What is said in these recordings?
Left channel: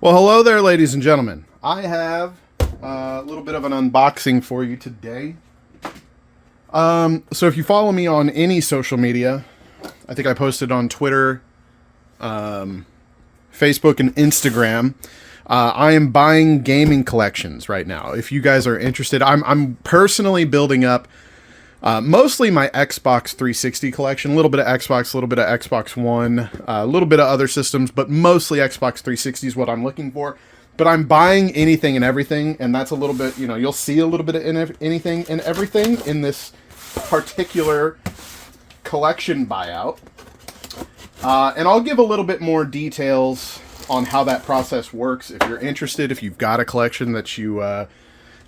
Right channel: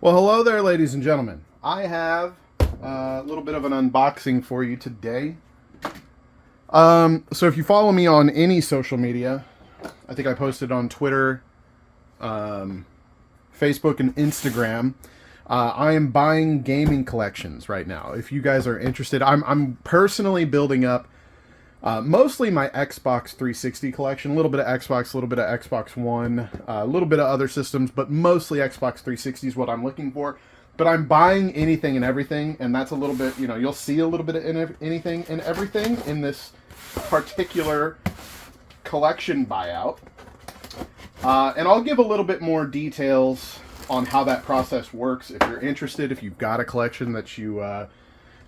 Well, hello there, ladies and gentlemen. I have a little bit of an unboxing for you today. So if you follow me on any social media, I think I posted on Twitter, Facebook, and Instagram. I am buying gaming collections right now. If you guys are interested, I'm personally building up mostly my Xbox 360 collection, a little bit of Xbox, a little bit of Xbox One, a little bit of other systems, but mostly Xbox 360 is what I'm looking for. But I'm buying anything and everything, and that's a little bit, you'll see a little bit of anything and everything in this particular collection buyout. And I'll give a little bit more details on how that process works. If you're interested, if you've got a collection that you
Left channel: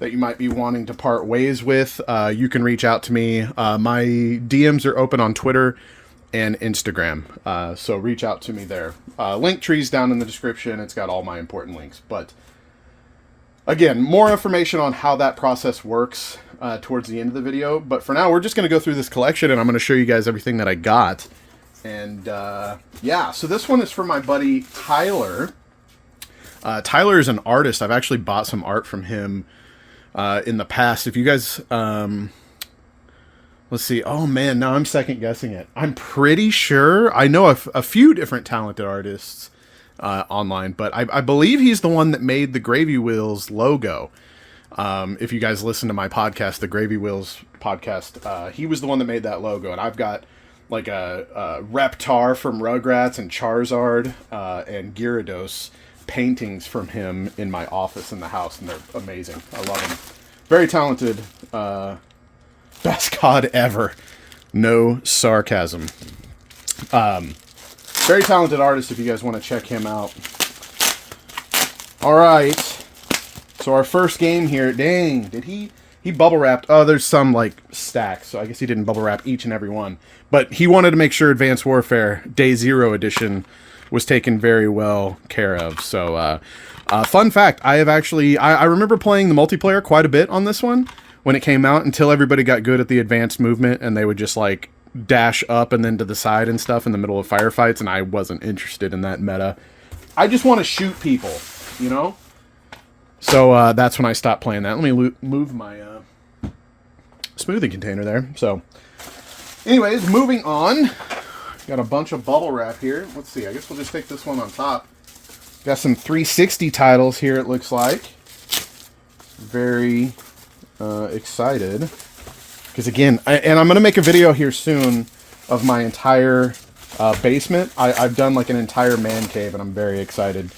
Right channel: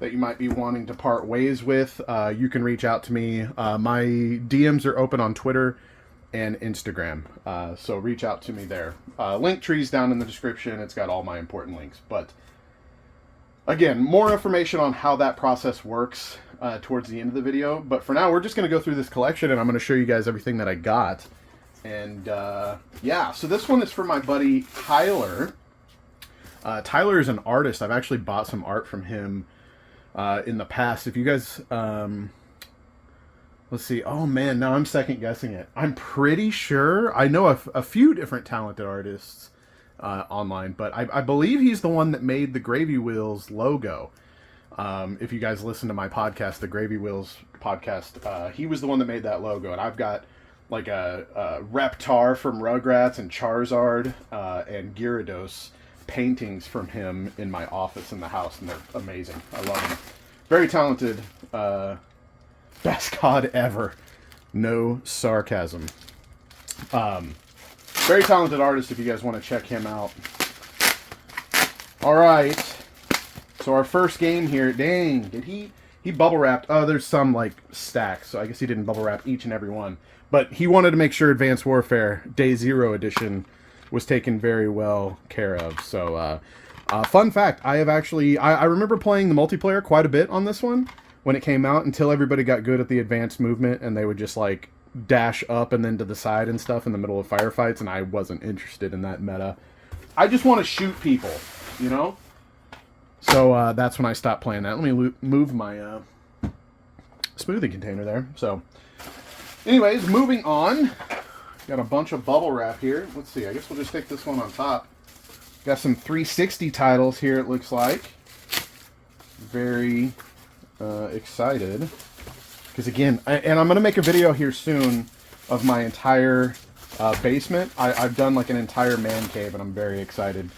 might be wanting to part ways with, you can reach out to me. My DMs are open on Twitter and Instagram, so reach out to me there. Link tree's down in the description. It's got all my important links. But again, more information on how that process works towards the end of the video. But for now, we're just going to go through this collection, and I'm going to show you guys everything that I got. And yeah, so this one is for my buddy Tyler. Tyler is an artist. I've actually bought some art from him in the past. If you guys, let's see. Oh man, now I'm second guessing it. I'm pretty sure I know a few different talented artists online, but I believe he's the one that made the Gravy Wheels logo. If you guys listen to my podcast, the Gravy Wheels podcast, he was the one that made that logo, and I've got like a Reptar from Rugrats and Charizard and Gyarados paintings from him in my office in the house, and they're amazing. I love them. Very talented. Best god ever. No sarcasm. Very talented artist if you guys want to check him out. Alright. So our first game here. Dang, did he bubble wrapped? Oh, there's some like stacks, so I guess he didn't bubble wrap each and every one. But he wanted to make sure Advanced Warfare Day Zero Edition was taken very well care of. So, fun fact, I remember playing the multiplayer quite a bit on this one when it came out, until everybody got good at the advanced movement and they would just like dash up and then to the side and stuff in the middle of firefights, and I wasn't interested in that meta. I just want to shoot people, you know? So that's when I stopped playing that. Let me move my smoothie container there. So anyways, moving on. Got a bunch of bubble wrap here. Let's see. I guess we'll just take this one on top. Got some 360 titles here, it looks like. Very excited. Because again, and I'm going to make a video here soon of my entire basement. I've done like an entire man cave, and I'm very excited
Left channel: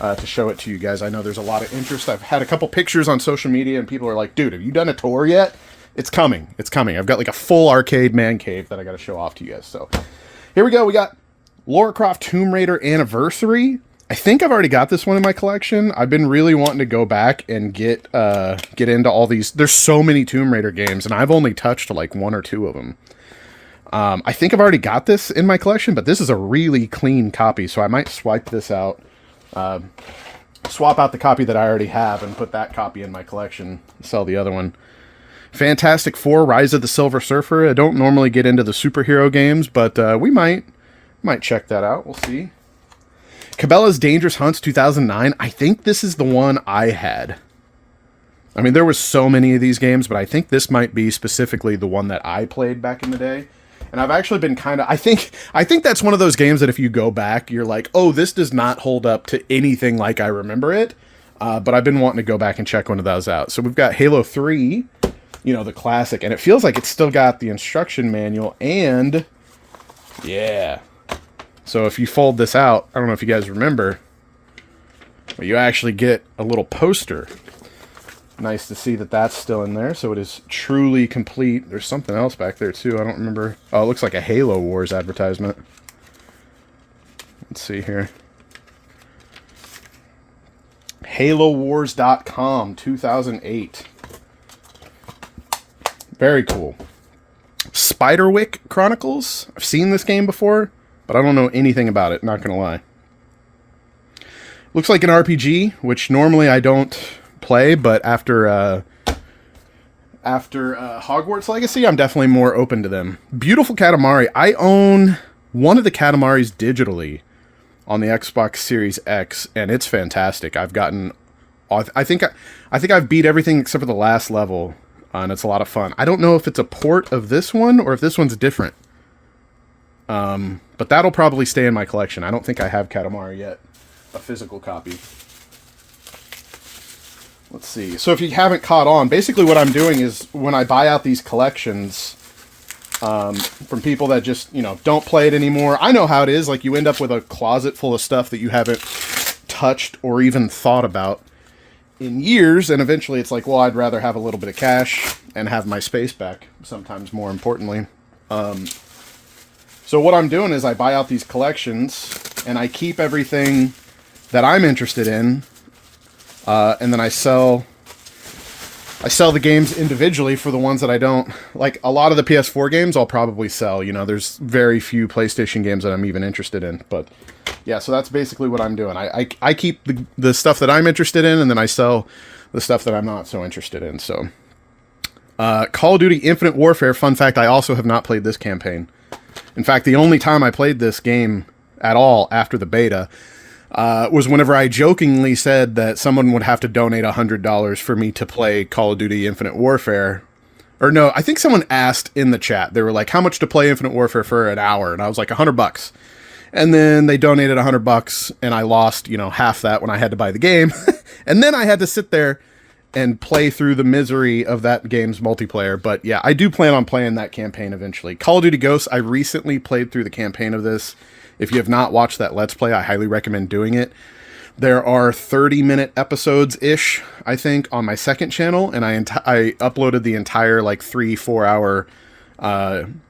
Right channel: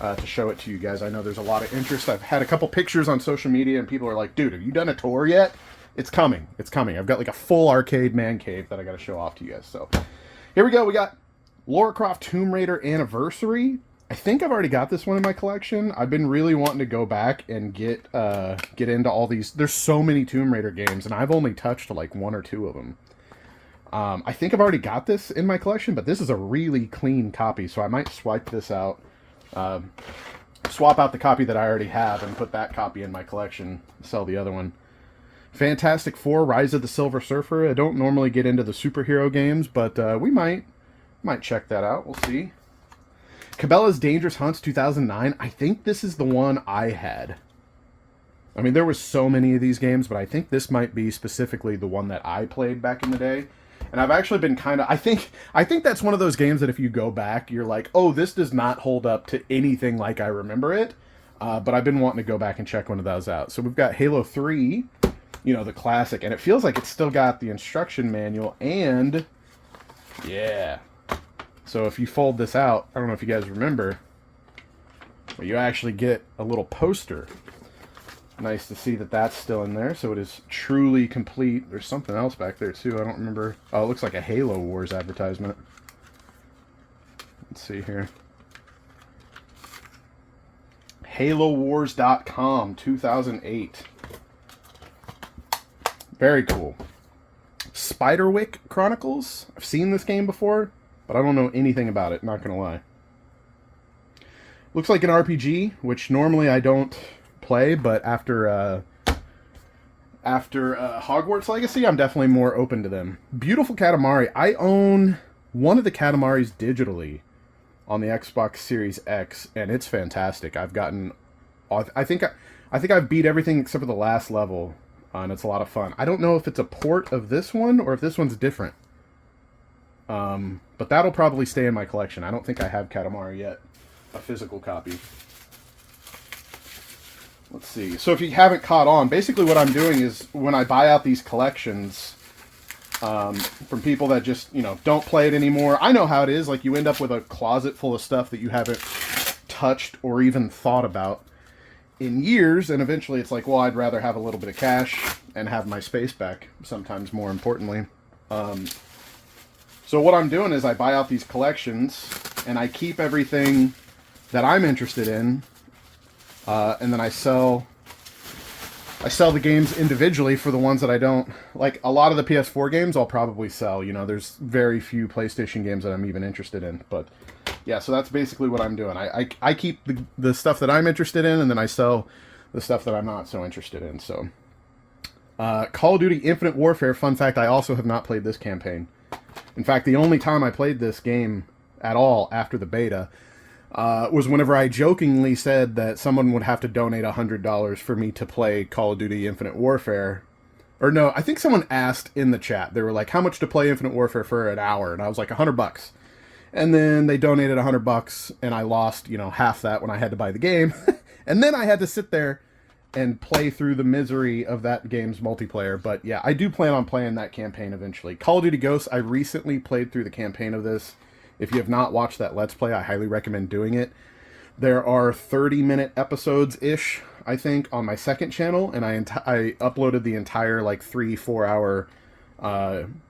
to show it to you guys. I know there's a lot of interest. I've had a couple pictures on social media, and people are like, dude, have you done a tour yet? It's coming. It's coming. I've got like a full arcade man cave that I got to show off to you guys. So here we go. We got Lara Croft Tomb Raider Anniversary. I think I've already got this one in my collection. I've been really wanting to go back and get into all these. There's so many Tomb Raider games, and I've only touched like one or two of them. I think I've already got this in my collection, but this is a really clean copy, so I might swipe this out. Swap out the copy that I already have and put that copy in my collection. Sell the other one. Fantastic Four: Rise of the Silver Surfer. I don't normally get into the superhero games, but we might check that out. We'll see. Cabela's Dangerous Hunts 2009. I think this is the one I had. I mean, there was so many of these games, but I think this might be specifically the one that I played back in the day. And I've actually been kind of... I think that's one of those games that if you go back, you're like, oh, this does not hold up to anything like I remember it. But I've been wanting to go back and check one of those out. So we've got Halo 3, the classic. And it feels like it's still got the instruction manual. And, yeah. So if you fold this out, I don't know if you guys remember, but you actually get a little poster. Nice to see that that's still in there. So it is truly complete. There's something else back there too. I don't remember. Oh, it looks like a Halo Wars advertisement. Let's see here. HaloWars.com 2008. Very cool. Spiderwick Chronicles. I've seen this game before, but I don't know anything about it, not gonna lie. Looks like an RPG, which normally I don't play, but after Hogwarts Legacy, I'm definitely more open to them. Beautiful Katamari. I own one of the Katamaris digitally on the Xbox Series X, and it's fantastic. I've gotten, I think I've beat everything except for the last level, and it's a lot of fun. I don't know if it's a port of this one or if this one's different. But that'll probably stay in my collection. I don't think I have Katamari yet, a physical copy. Let's see. So if you haven't caught on, basically what I'm doing is when I buy out these collections from people that just, you know, don't play it anymore. I know how it is. Like, you end up with a closet full of stuff that you haven't touched or even thought about in years, and eventually it's like, well, I'd rather have a little bit of cash and have my space back, sometimes more importantly. So what I'm doing is I buy out these collections, and I keep everything that I'm interested in, and then I sell the games individually for the ones that I don't. Like, a lot of the PS4 games I'll probably sell. You know, there's very few PlayStation games that I'm even interested in. But, yeah, so that's basically what I'm doing. I keep the stuff that I'm interested in, and then I sell the stuff that I'm not so interested in. So, Call of Duty Infinite Warfare, fun fact, I also have not played this campaign. In fact, the only time I played this game at all after the beta was whenever I jokingly said that someone would have to donate $100 for me to play Call of Duty Infinite Warfare. Or no, I think someone asked in the chat. They were like, how much to play Infinite Warfare for an hour? And I was like, $100. And then they donated $100, and I lost, you know, half that when I had to buy the game. And then I had to sit there and play through the misery of that game's multiplayer. But yeah, I do plan on playing that campaign eventually. Call of Duty Ghosts, I recently played through the campaign of this. If you have not watched that Let's Play, I highly recommend doing it. There are 30-minute episodes-ish, I think, on my second channel, and I uploaded the entire, like, 3-4 hour,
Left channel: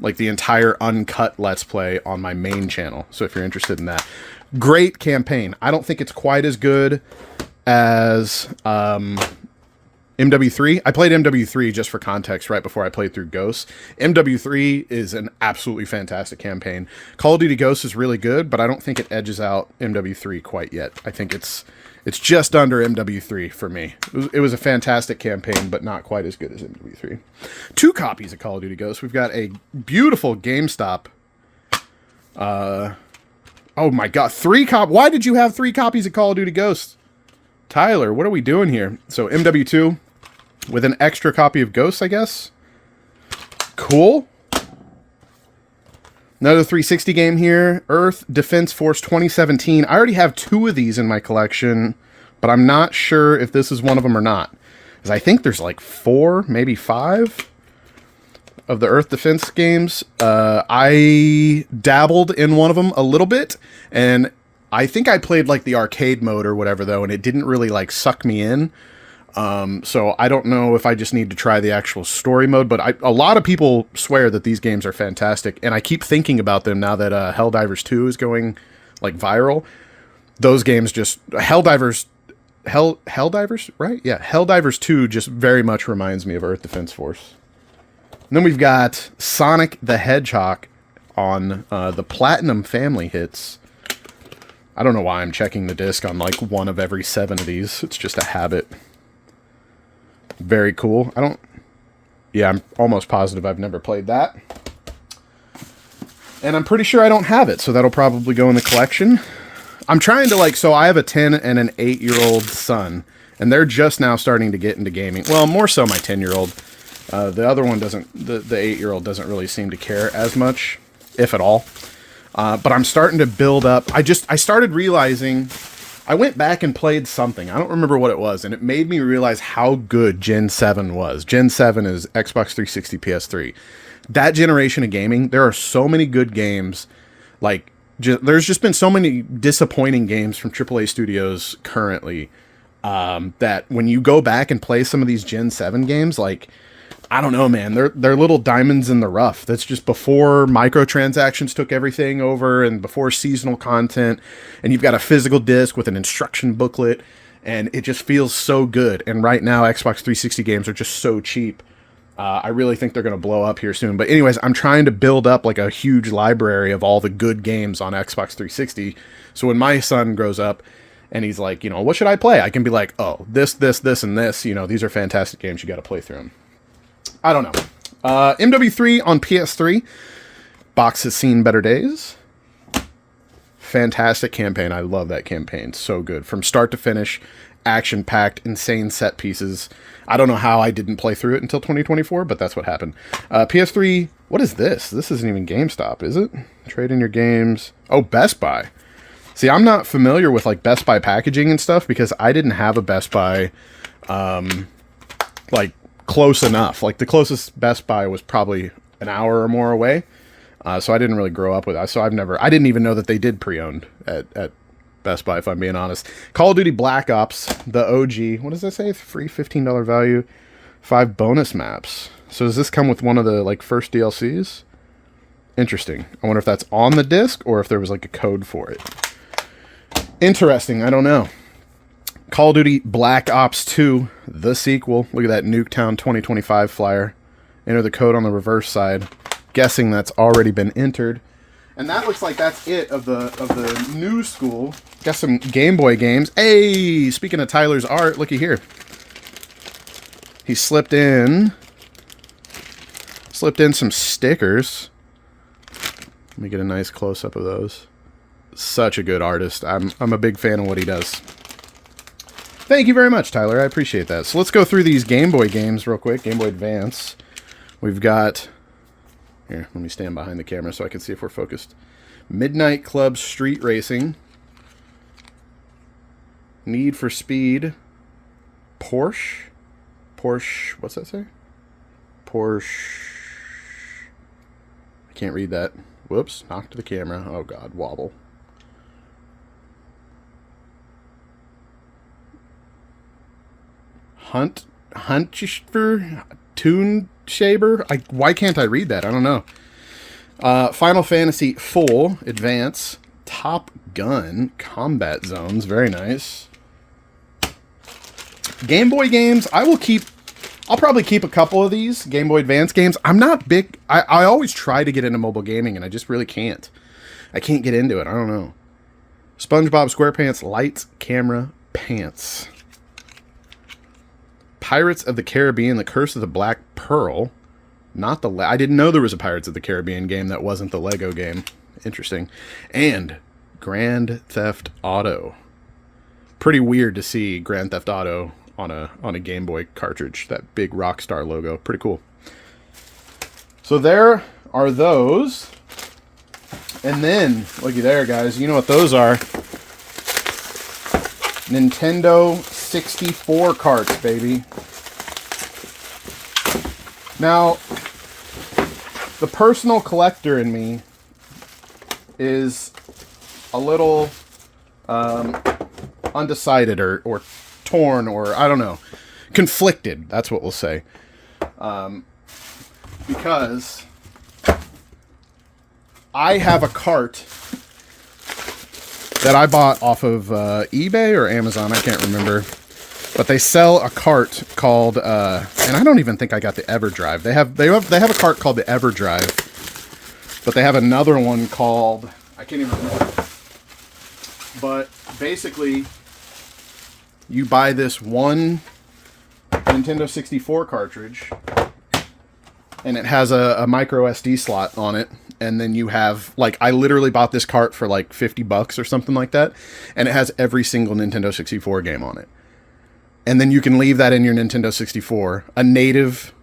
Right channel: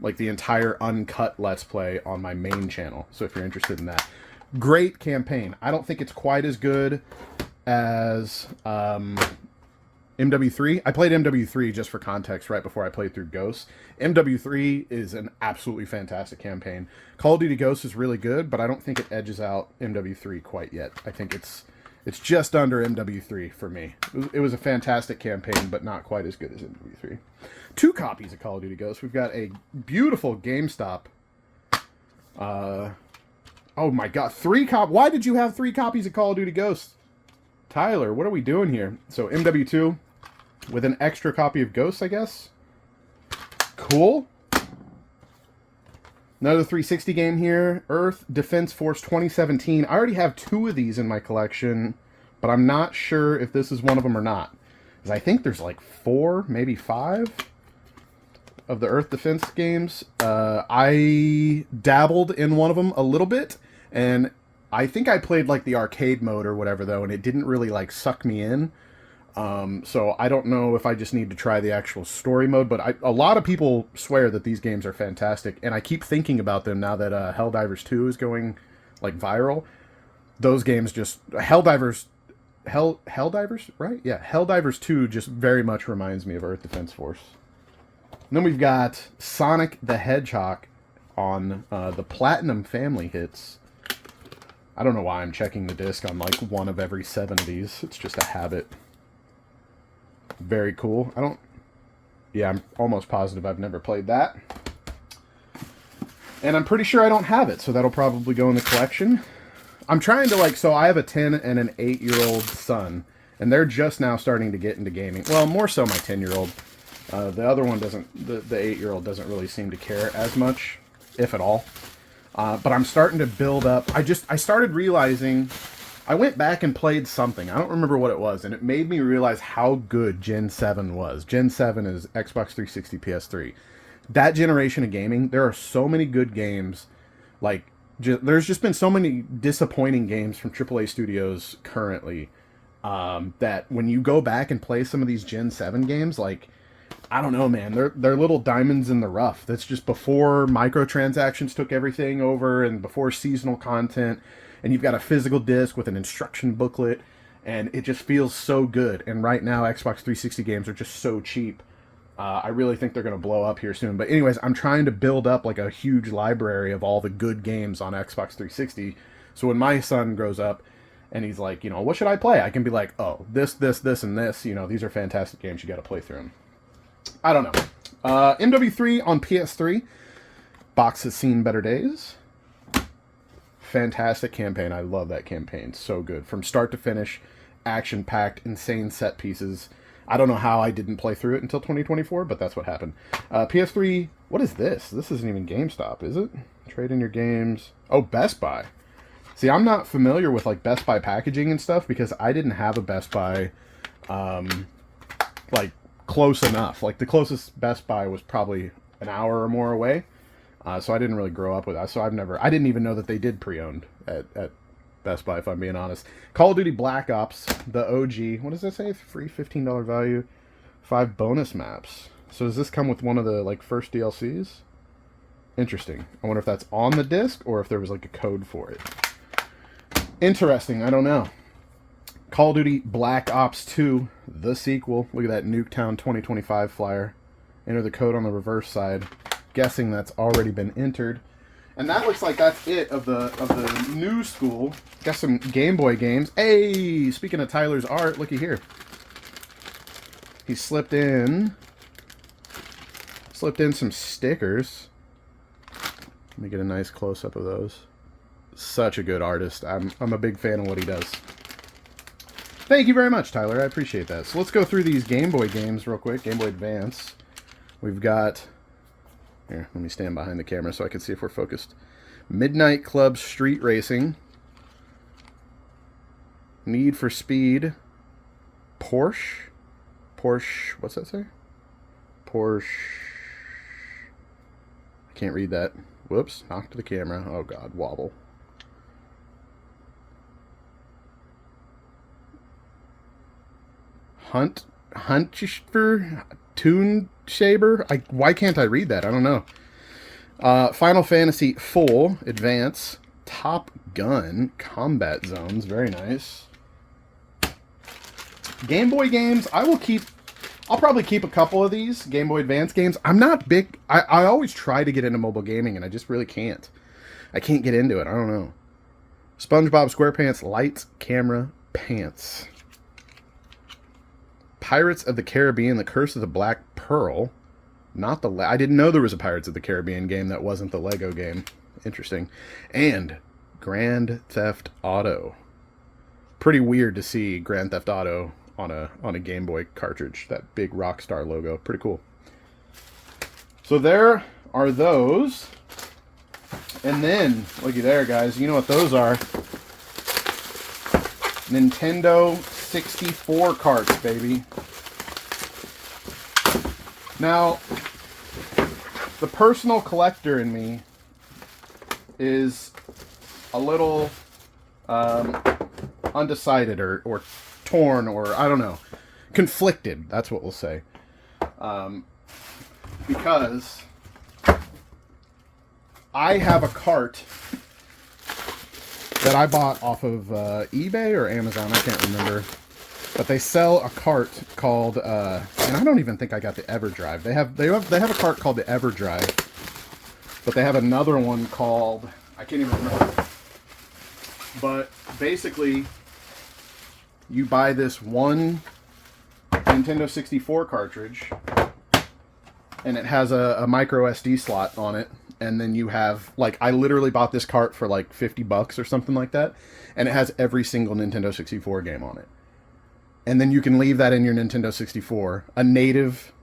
like, the entire uncut Let's Play on my main channel, so if you're interested in that. Great campaign. I don't think it's quite as good as MW3. I played MW3 just for context right before I played through Ghosts. MW3 is an absolutely fantastic campaign. Call of Duty Ghosts is really good, but I don't think it edges out MW3 quite yet. I think it's just under MW3 for me. It was a fantastic campaign, but not quite as good as MW3. 2 copies of Call of Duty Ghosts. We've got a beautiful GameStop. Oh my god, 3 copies. Why did you have 3 copies of Call of Duty Ghosts? Tyler, what are we doing here? So MW2 with an extra copy of Ghosts, I guess. Cool. Another 360 game here. Earth Defense Force 2017. I already have 2 of these in my collection, but I'm not sure if this is one of them or not. Because I think there's like 4, maybe 5 of the Earth Defense games. I dabbled in one of them a little bit, and I think I played like the arcade mode or whatever, though, and it didn't really like suck me in. So I don't know if I just need to try the actual story mode, but a lot of people swear that these games are fantastic, and I keep thinking about them now that Helldivers 2 is going like viral. Those games just Helldivers, right? Yeah, Helldivers 2 just very much reminds me of Earth Defense Force. And then we've got Sonic the Hedgehog on the Platinum Family Hits. I don't know why I'm checking the disc on like 1 of every 7 of these. It's just a habit. Very cool. Yeah, I'm almost positive I've never played that. And I'm pretty sure I don't have it, so that'll probably go in the collection. I'm trying to like, so I have a 10 and an 8-year-old son, and they're just now starting to get into gaming. Well, more so my 10-year-old. The other one doesn't, the 8-year-old doesn't really seem to care as much, if at all. But I'm starting to build up. I started realizing, I went back and played something. I don't remember what it was, and it made me realize how good Gen 7 was. Gen 7 is Xbox 360, PS3. That generation of gaming, there are so many good games. Like, there's just been so many disappointing games from AAA studios currently that when you go back and play some of these Gen 7 games, like, I don't know, man. They're little diamonds in the rough. That's just before microtransactions took everything over and before seasonal content. And you've got a physical disc with an instruction booklet. And it just feels so good. And right now, Xbox 360 games are just so cheap. I really think they're going to blow up here soon. But anyways, I'm trying to build up like a huge library of all the good games on Xbox 360. So when my son grows up and he's like, you know, what should I play? I can be like, oh, this, and this. You know, these are fantastic games. You got to play through them. I don't know. MW3 on PS3. Box has seen better days. Fantastic campaign. I love that campaign. So good. From start to finish, action-packed, insane set pieces. I don't know how I didn't play through it until 2024, but that's what happened. PS3, what is this? This isn't even GameStop, is it? Trade in your games. Oh, Best Buy. See, I'm not familiar with like Best Buy packaging and stuff because I didn't have a Best Buy like close enough. Like the closest Best Buy was probably an hour or more away. So I didn't really grow up with that. So I didn't even know that they did pre-owned at Best Buy, if I'm being honest. Call of Duty Black Ops, the OG. What does that say? Free $15 value, 5 bonus maps. So does this come with one of the like first DLCs? Interesting. I wonder if that's on the disc or if there was like a code for it. Interesting. I don't know. Call of Duty Black Ops 2, the sequel. Look at that Nuketown 2025 flyer. Enter the code on the reverse side. Guessing that's already been entered. And that looks like that's it of the new school. Got some Game Boy games. Hey, speaking of Tyler's art, looky here. He slipped in some stickers. Let me get a nice close-up of those. Such a good artist. I'm a big fan of what he does. Thank you very much, Tyler. I appreciate that. So let's go through these Game Boy games real quick. Game Boy Advance. We've got... Here, let me stand behind the camera so I can see if we're focused. Midnight Club Street Racing. Need for Speed. Porsche. What's that say? Porsche. I can't read that. Whoops, knocked the camera. Oh God, wobble. Huntschfer? Toon Shaber? Why can't I read that? I don't know. Final Fantasy IV Advance. Top Gun Combat Zones. Very nice. Game Boy games. I'll probably keep a couple of these Game Boy Advance games. I'm not big. I always try to get into mobile gaming, and I just really can't. I can't get into it. I don't know. SpongeBob SquarePants Lights, Camera, Pants. Pirates of the Caribbean, The Curse of the Black Pearl. Not the... I didn't know there was a Pirates of the Caribbean game that wasn't the Lego game. Interesting. And Grand Theft Auto. Pretty weird to see Grand Theft Auto on a Game Boy cartridge. That big Rockstar logo. Pretty cool. So there are those. And then, looky there, guys. You know what those are. Nintendo 64 carts, baby. Now, the personal collector in me is a little undecided or torn or, I don't know, conflicted. That's what we'll say. Because I have a cart that I bought off of eBay or Amazon, I can't remember. But they sell a cart called, and I don't even think I got the EverDrive. They have a cart called the EverDrive, but they have another one called, I can't even remember. But basically, you buy this one Nintendo 64 cartridge, and it has a micro SD slot on it. And then you have, like, I literally bought this cart for like $50 or something like that. And it has every single Nintendo 64 game on it. And then you can leave that in your Nintendo 64. A native,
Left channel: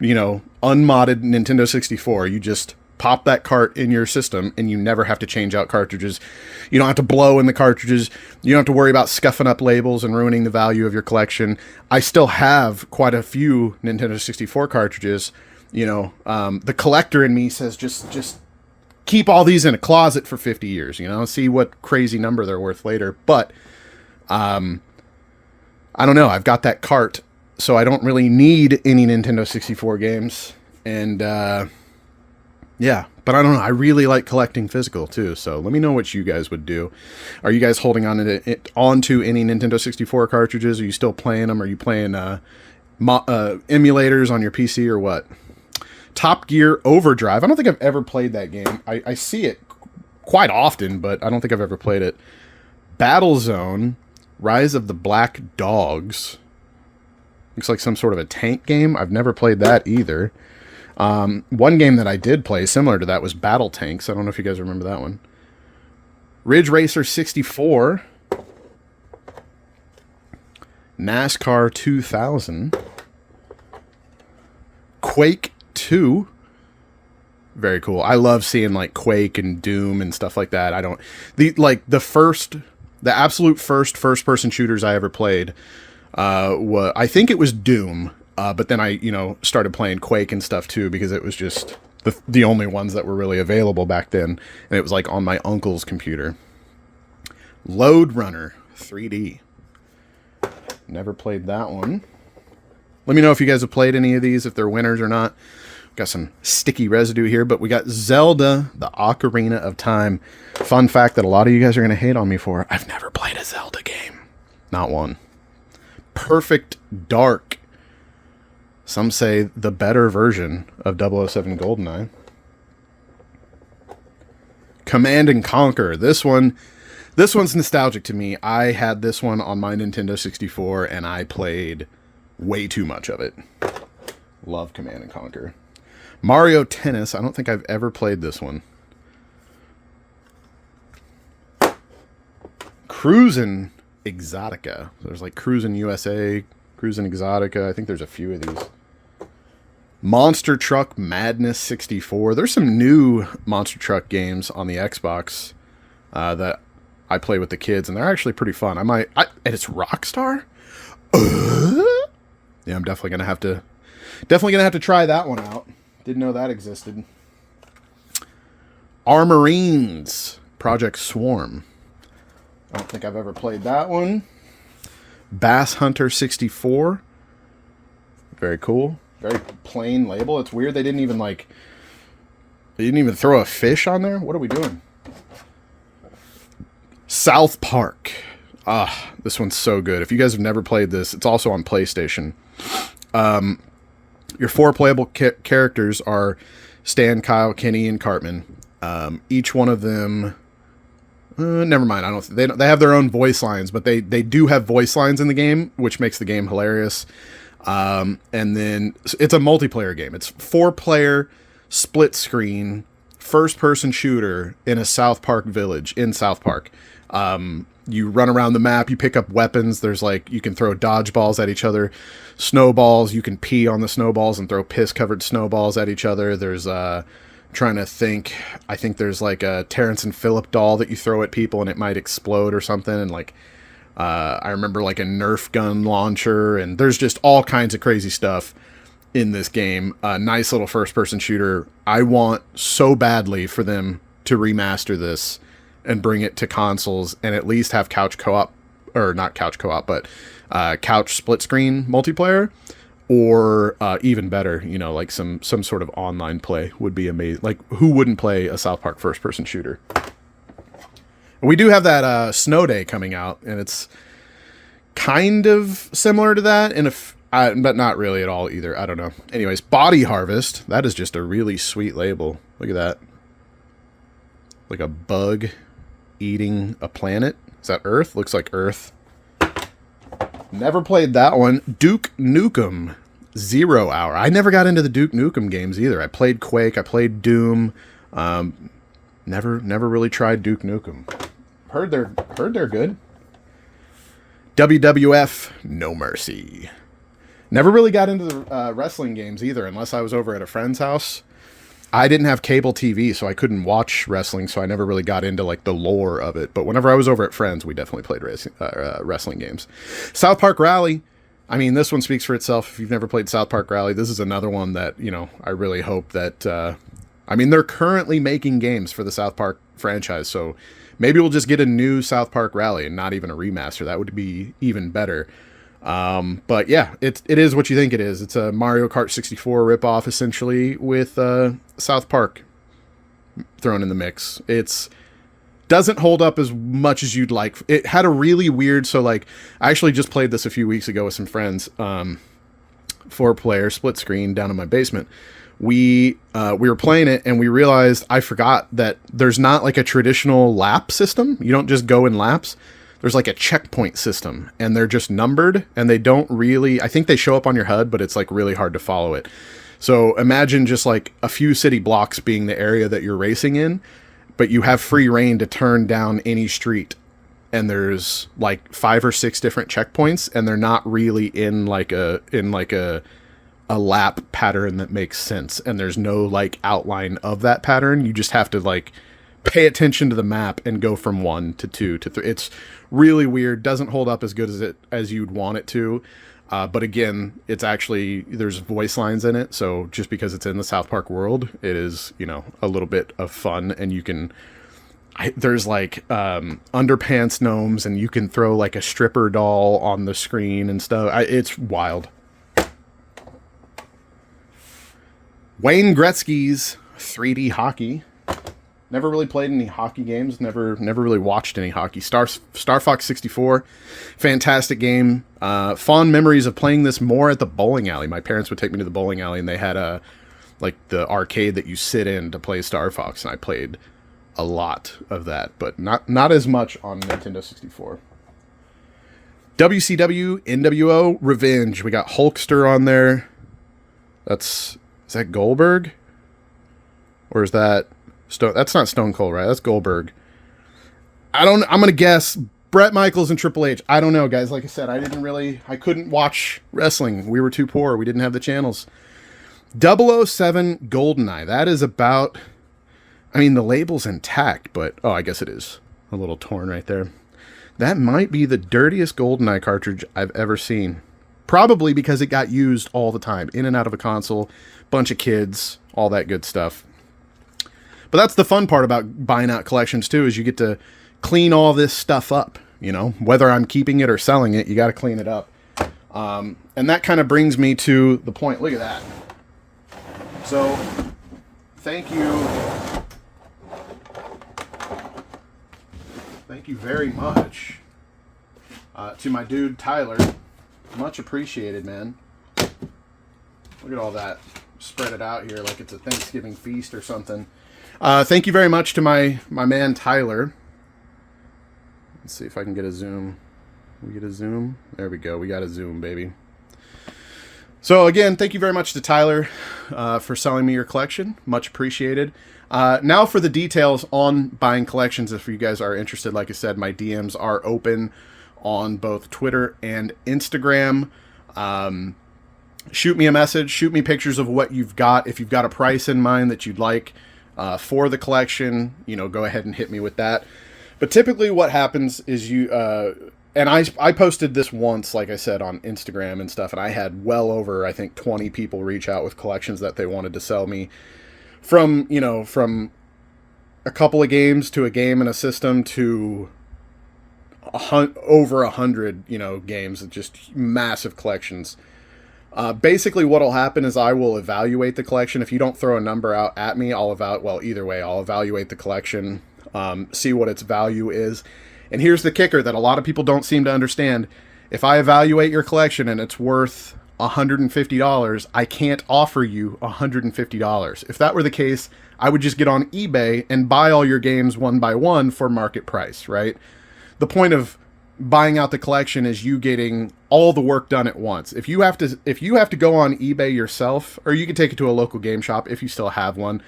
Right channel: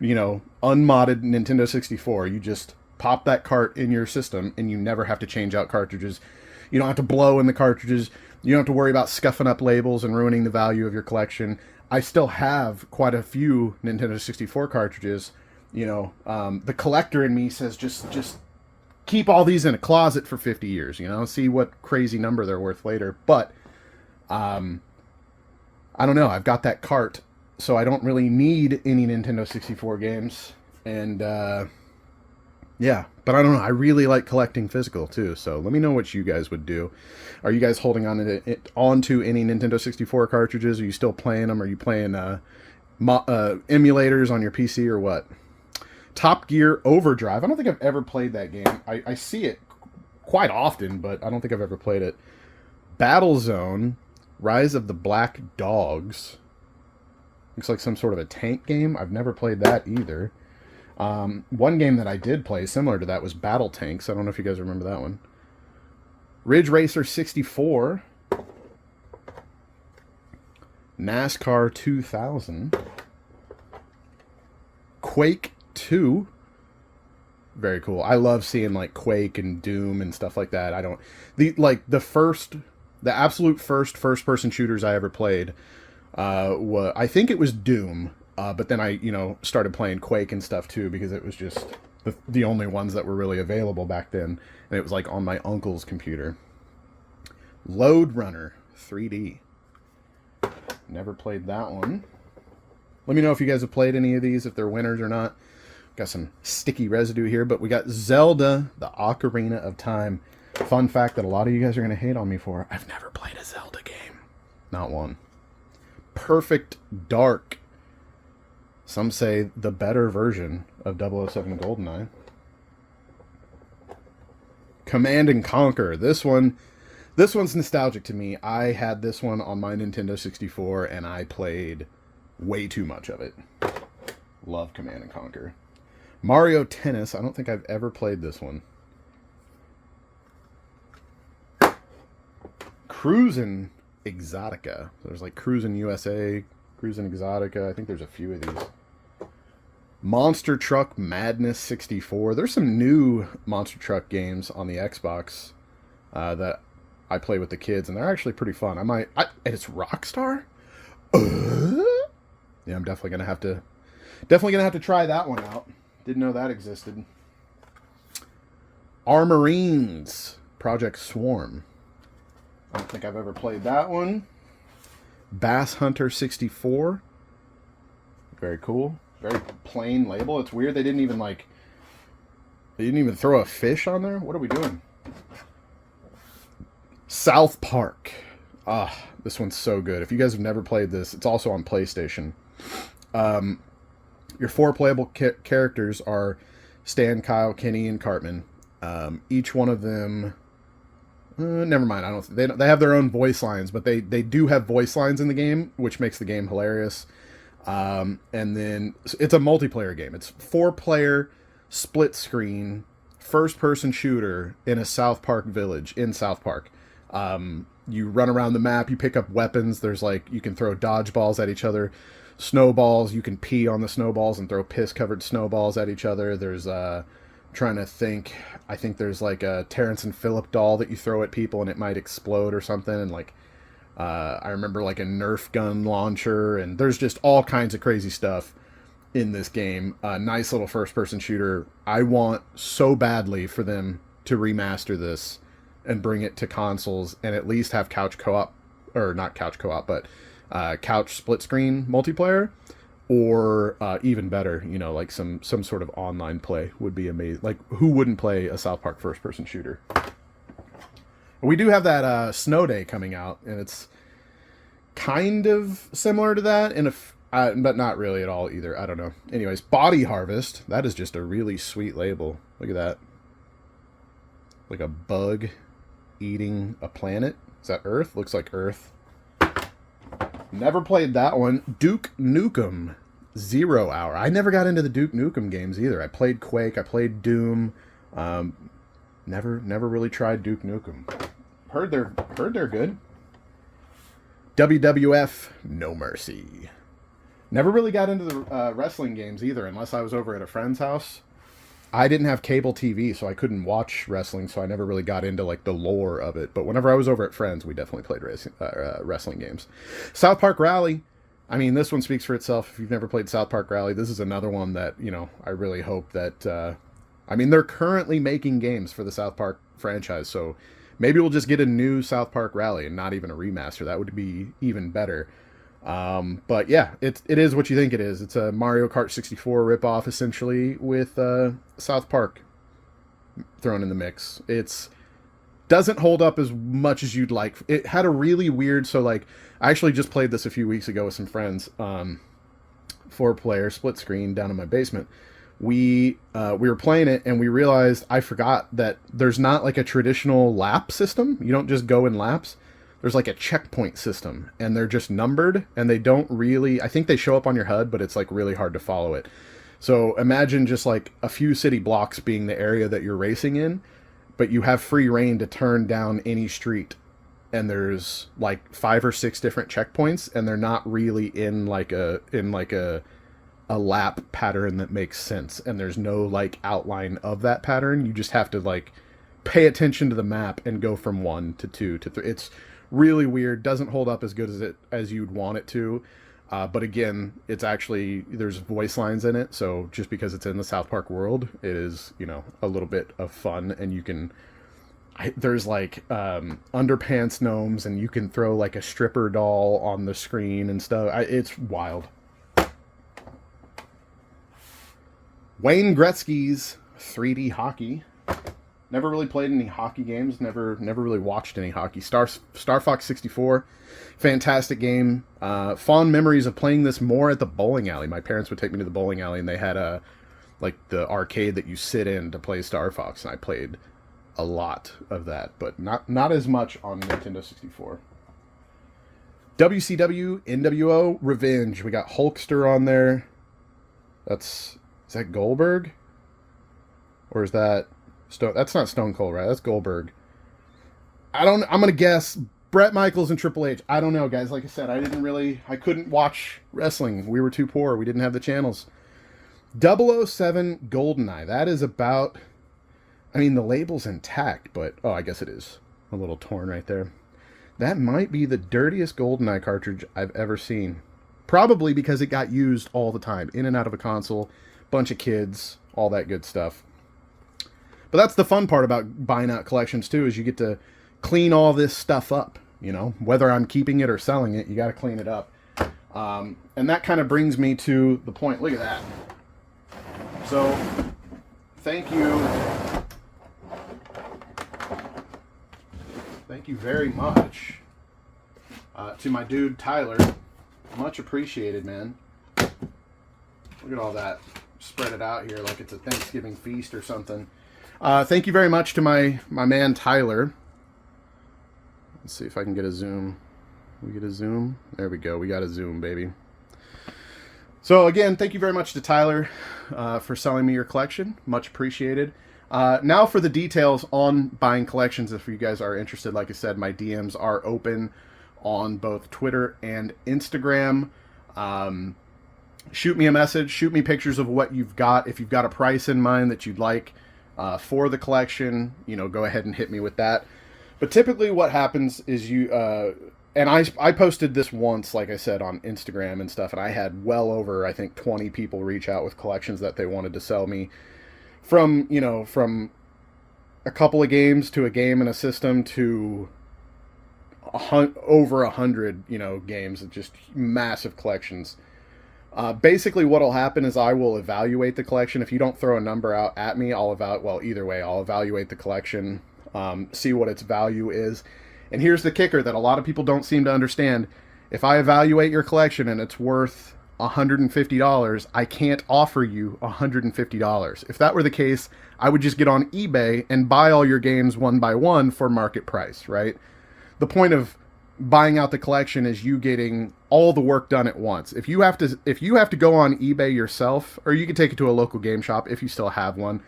unmodded Nintendo 64. You just pop that cart in your system and you never have to change out cartridges. You don't have to blow in the cartridges. You don't have to worry about scuffing up labels and ruining the value of your collection. I still have quite a few Nintendo 64 cartridges. The collector in me says just keep all these in a closet for 50 years, see what crazy number they're worth later. But I don't know. I've got that cart, so I don't really need any Nintendo 64 games. And yeah, but I don't know. I really like collecting physical too. So let me know what you guys would do. Are you guys holding on onto any Nintendo 64 cartridges? Are you still playing them? Are you playing emulators on your PC or what? Top Gear Overdrive. I don't think I've ever played that game. I see it quite often, but I don't think I've ever played it. Battlezone, Rise of the Black Dogs. Looks like some sort of a tank game. I've never played that either. One game that I did play similar to that was Battle Tanks. I don't know if you guys remember that one. Ridge Racer 64. NASCAR 2000. Quake 2. Very cool. I love seeing like Quake and Doom and stuff like that. The absolute first person shooters I ever played I think it was Doom, but then I started playing Quake and stuff too, because it was just the only ones that were really available back then, and it was like on my uncle's computer. Load Runner 3D. Never played that one. Let me know if you guys have played any of these, if they're winners or not. Got some sticky residue here, but we got Zelda, the Ocarina of Time. Fun fact that a lot of you guys are going to hate on me for. I've never played a Zelda game. Not one. Perfect Dark. Some say the better version of 007 GoldenEye. Command and Conquer. This one's nostalgic to me. I had this one on my Nintendo 64, and I played way too much of it. Love Command and Conquer. Mario Tennis. I don't think I've ever played this one. Cruisin' Exotica. There's like Cruisin' USA, Cruisin' Exotica. I think there's a few of these. Monster Truck Madness 64. There's some new Monster Truck games on the Xbox that I play with the kids, and they're actually pretty fun. And it's Rockstar? Yeah, I'm definitely gonna have to try that one out. Didn't know that existed. Armorines Project Swarm. I don't think I've ever played that one. Bass Hunter 64. Very cool. Very plain label. It's weird they didn't even throw a fish on there. What are we doing? South Park. This one's so good. If you guys have never played this, it's also on PlayStation. Your 4 playable characters are Stan, Kyle, Kenny, and Cartman. Each one of them... never mind. They have their own voice lines, but they do have voice lines in the game, which makes the game hilarious. And then it's a multiplayer game. It's 4-player, split screen, first-person shooter in a South Park village in South Park. You run around the map, you pick up weapons. There's you can throw dodgeballs at each other, snowballs. You can pee on the snowballs and throw piss-covered snowballs at each other. There's trying to think. I think there's like a Terrence and Phillip doll that you throw at people and it might explode or something. And I remember like a Nerf gun launcher, and there's just all kinds of crazy stuff in this game. Nice little first-person shooter. I want so badly for them to remaster this and bring it to consoles and at least have couch co-op, or not couch co-op, but couch split screen multiplayer, or even better, like some sort of online play would be amazing. Like, who wouldn't play a South Park first-person shooter? We do have that Snow Day coming out, and it's kind of similar to that, but not really at all either. I don't know. Anyways, Body Harvest. That is just a really sweet label. Look at that. Like a bug eating a planet. Is that Earth? Looks like Earth. Never played that one. Duke Nukem 0 Hour. I never got into the Duke Nukem games either. I played Quake. I played Doom. Never really tried Duke Nukem. Heard they're good. WWF No Mercy. Never really got into the wrestling games either, unless I was over at a friend's house. I didn't have cable TV, so I couldn't watch wrestling, so I never really got into the lore of it. But whenever I was over at friends, we definitely played wrestling games. South Park Rally. I mean, this one speaks for itself. If you've never played South Park Rally, this is another one that, I really hope that... they're currently making games for the South Park franchise, so maybe we'll just get a new South Park Rally and not even a remaster. That would be even better. But yeah, it is what you think it is. It's a Mario Kart 64 ripoff, essentially, with South Park thrown in the mix. It doesn't hold up as much as you'd like. It had a really weird... So, I actually just played this a few weeks ago with some friends. 4-player split screen down in my basement. We were playing it, and we realized I forgot that there's not a traditional lap system. You don't just go in laps. There's a checkpoint system, and they're just numbered, and they don't really... I think they show up on your HUD, but it's really hard to follow it. So imagine just a few city blocks being the area that you're racing in, but you have free reign to turn down any street. And there's like 5 or 6 different checkpoints, and they're not really in like a lap pattern that makes sense. And there's no like outline of that pattern. You just have to like pay attention to the map and go from 1 to 2 to 3. It's really weird. Doesn't hold up as good as you'd want it to. But again, it's actually, there's voice lines in it. So just because it's in the South Park world, it is, you know, a little bit of fun. And you can, there's like underpants gnomes, and you can throw like a stripper doll on the screen and stuff. It's wild. Wayne Gretzky's 3D hockey. Never really played any hockey games. Never really watched any hockey. Star Fox 64, fantastic game. Fond memories of playing this more at the bowling alley. My parents would take me to the bowling alley, and they had like the arcade that you sit in to play Star Fox, and I played a lot of that, but not as much on Nintendo 64. WCW NWO Revenge. We got Hulkster on there. Is that Goldberg? Or is that Stone? That's not Stone Cold, right? That's Goldberg. I'm gonna guess Bret Michaels and Triple H. I don't know, guys. Like I said, I couldn't watch wrestling. We were too poor. We didn't have the channels. 007 GoldenEye. That is about, I mean, the label's intact, but, oh, I guess it is a little torn right there. That might be the dirtiest GoldenEye cartridge I've ever seen. Probably because it got used all the time, in and out of a console, bunch of kids, all that good stuff. But that's the fun part about buying out collections too, is you get to clean all this stuff up, you know, whether I'm keeping it or selling it, you got to clean it up. And that kind of brings me to the point. Look at that. So thank you. Thank you very much to my dude, Tyler. Much appreciated, man. Look at all that. Spread it out here like it's a Thanksgiving feast or something. Thank you very much to my man, Tyler. Let's see if I can get a zoom. We get a zoom? There we go. We got a zoom, baby. So again, thank you very much to Tyler for selling me your collection. Much appreciated. Now for the details on buying collections. If you guys are interested, like I said, my DMs are open on both Twitter and Instagram. Shoot me a message. Shoot me pictures of what you've got. If you've got a price in mind that you'd like for the collection, you know, go ahead and hit me with that. But typically what happens is you... and I posted this once, like I said, on Instagram and stuff, and I had well over, I think, 20 people reach out with collections that they wanted to sell me. From, you know, from a couple of games to a game and a system to over 100, you know, games, just massive collections. Basically what'll happen is I will evaluate the collection. If you don't throw a number out at me, I'll evaluate the collection, see what its value is. And here's the kicker that a lot of people don't seem to understand. If I evaluate your collection and it's worth $150, I can't offer you $150. If that were the case, I would just get on eBay and buy all your games one by one for market price, right? The point of buying out the collection is you getting all the work done at once. If you have to go on eBay yourself, or you can take it to a local game shop if you still have one.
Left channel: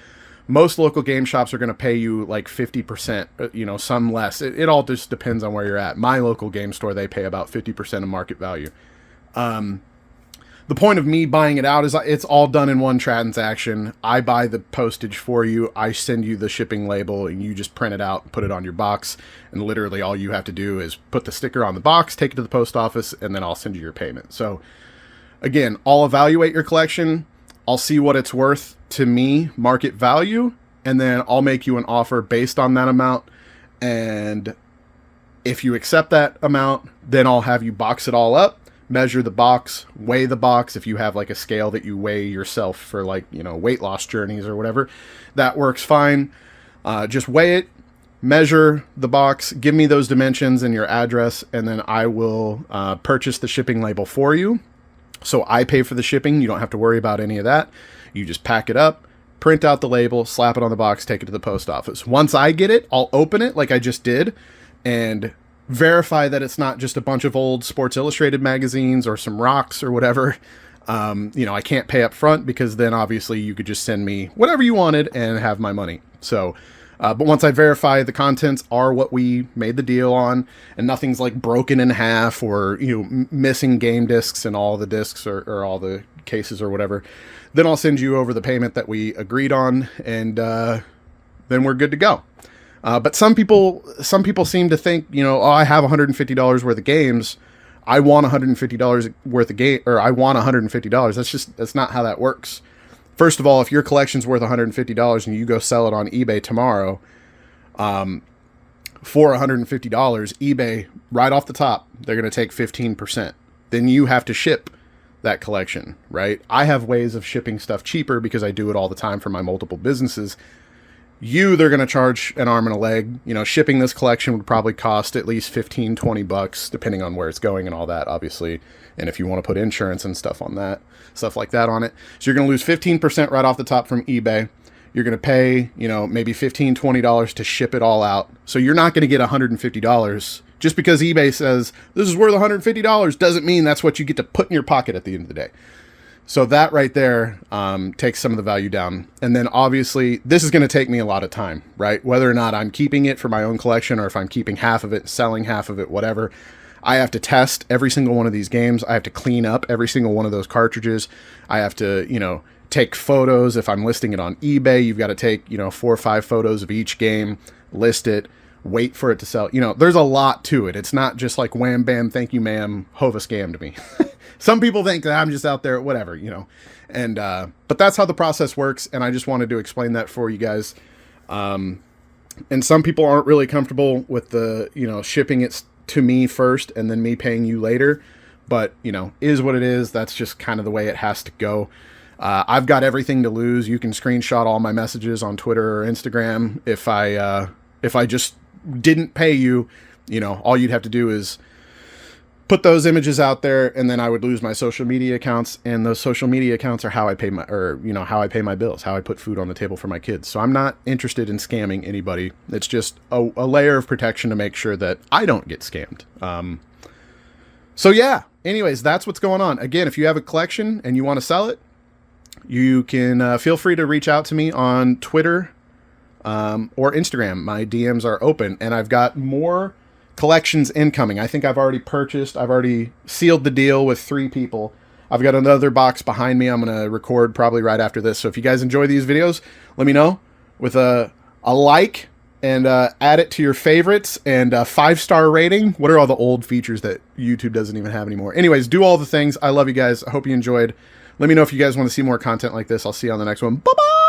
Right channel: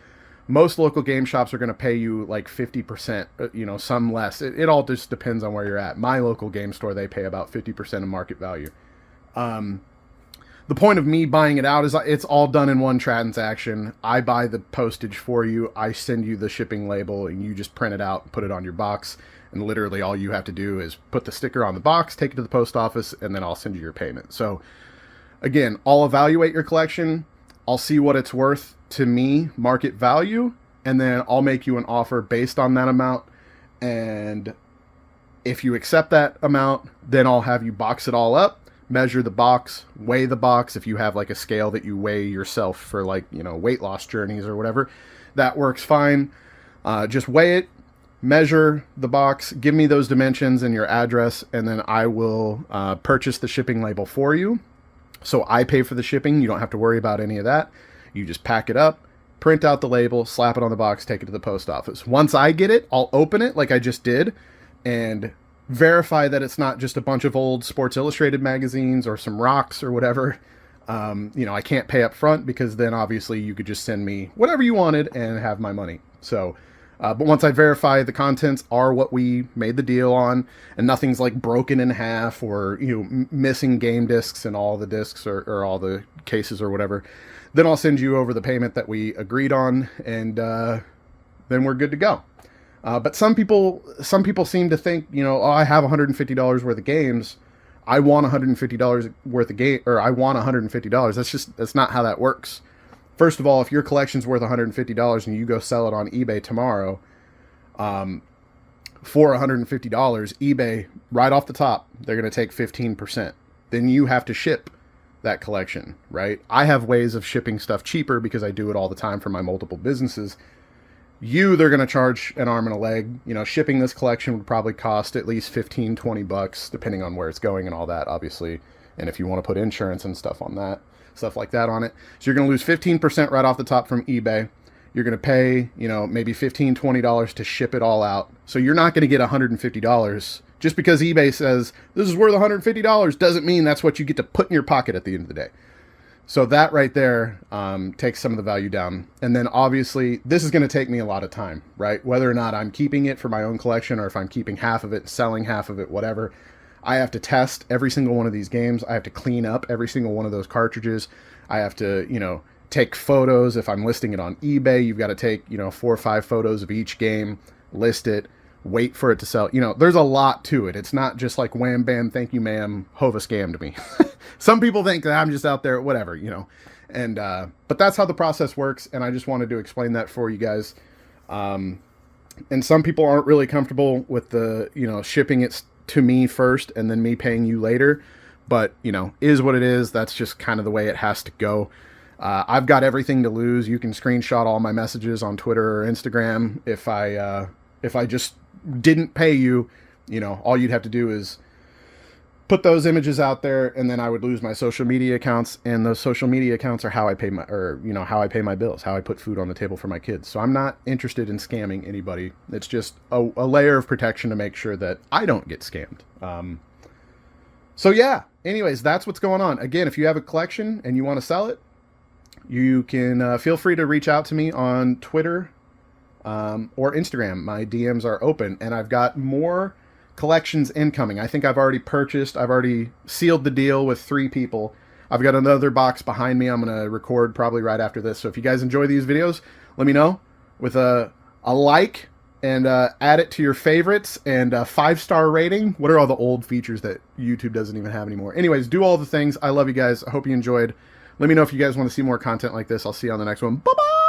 Most local game shops are going to pay you like 50%, you know, some less. It all just depends on where you're at. My local game store, they pay about 50% of market value. The point of me buying it out is it's all done in one transaction. I buy the postage for you. I send you the shipping label, and you just print it out and put it on your box. And literally all you have to do is put the sticker on the box, take it to the post office, and then I'll send you your payment. So again, I'll evaluate your collection. I'll see what it's worth to me, market value, and then I'll make you an offer based on that amount. And if you accept that amount, then I'll have you box it all up, measure the box, weigh the box. If you have like a scale that you weigh yourself for, like, you know, weight loss journeys or whatever, that works fine. Just weigh it, measure the box, give me those dimensions and your address, and then I will purchase the shipping label for you. So I pay for the shipping. You don't have to worry about any of that. You just pack it up, print out the label, slap it on the box, take it to the post office. Once I get it, I'll open it like I just did and verify that it's not just a bunch of old Sports Illustrated magazines or some rocks or whatever. You know, I can't pay up front because then obviously you could just send me whatever you wanted and have my money. So But once I verify the contents are what we made the deal on, and nothing's like broken in half or, you know, missing game discs and all the discs or all the cases or whatever, then I'll send you over the payment that we agreed on, and then we're good to go. But some people seem to think, you know, oh, I have $150 worth of games. I want $150 worth of game, or I want $150. That's not how that works. First of all, if your collection's worth $150 and you go sell it on eBay tomorrow, for $150, eBay, right off the top, they're going to take 15%. Then you have to ship that collection, right? I have ways of shipping stuff cheaper because I do it all the time for my multiple businesses. They're going to charge an arm and a leg. You know, shipping this collection would probably cost at least $15-20, depending on where it's going and all that, obviously. And if you want to put insurance and stuff like that on it. So you're going to lose 15% right off the top from eBay. You're going to pay, you know, maybe $15-20 to ship it all out. So you're not going to get $150. Just because eBay says this is worth $150 doesn't mean that's what you get to put in your pocket at the end of the day. So that right there takes some of the value down. And then obviously this is going to take me a lot of time, right? Whether or not I'm keeping it for my own collection or if I'm keeping half of it, selling half of it, whatever. I have to test every single one of these games. I have to clean up every single one of those cartridges. I have to, you know, take photos. If I'm listing it on eBay, you've got to take, you know, 4 or 5 photos of each game, list it, wait for it to sell. You know, there's a lot to it. It's not just like wham, bam, thank you, ma'am, Hova scammed me. Some people think that I'm just out there, whatever, you know. And but that's how the process works, and I just wanted to explain that for you guys. And some people aren't really comfortable with the, you know, shipping it to me first and then me paying you later. But, you know, is what it is. That's just kind of the way it has to go. I've got everything to lose. You can screenshot all my messages on Twitter or Instagram. If I just didn't pay you, you know, all you'd have to do is put those images out there, and then I would lose my social media accounts, and those social media accounts are how I pay how I pay my bills, how I put food on the table for my kids. So I'm not interested in scamming anybody. It's just a layer of protection to make sure that I don't get scammed. So yeah, anyways, that's what's going on. Again, if you have a collection and you want to sell it, you can feel free to reach out to me on Twitter or Instagram. My DMs are open, and I've got more collections incoming. I think I've already sealed the deal with 3 people. I've got another box behind me I'm going to record probably right after this. So if you guys enjoy these videos, let me know with a like, and add it to your favorites, and a 5-star rating. What are all the old features that YouTube doesn't even have anymore? Anyways, do all the things. I love you guys. I hope you enjoyed. Let me know if you guys want to see more content like this. I'll see you on the next one. Bye-bye!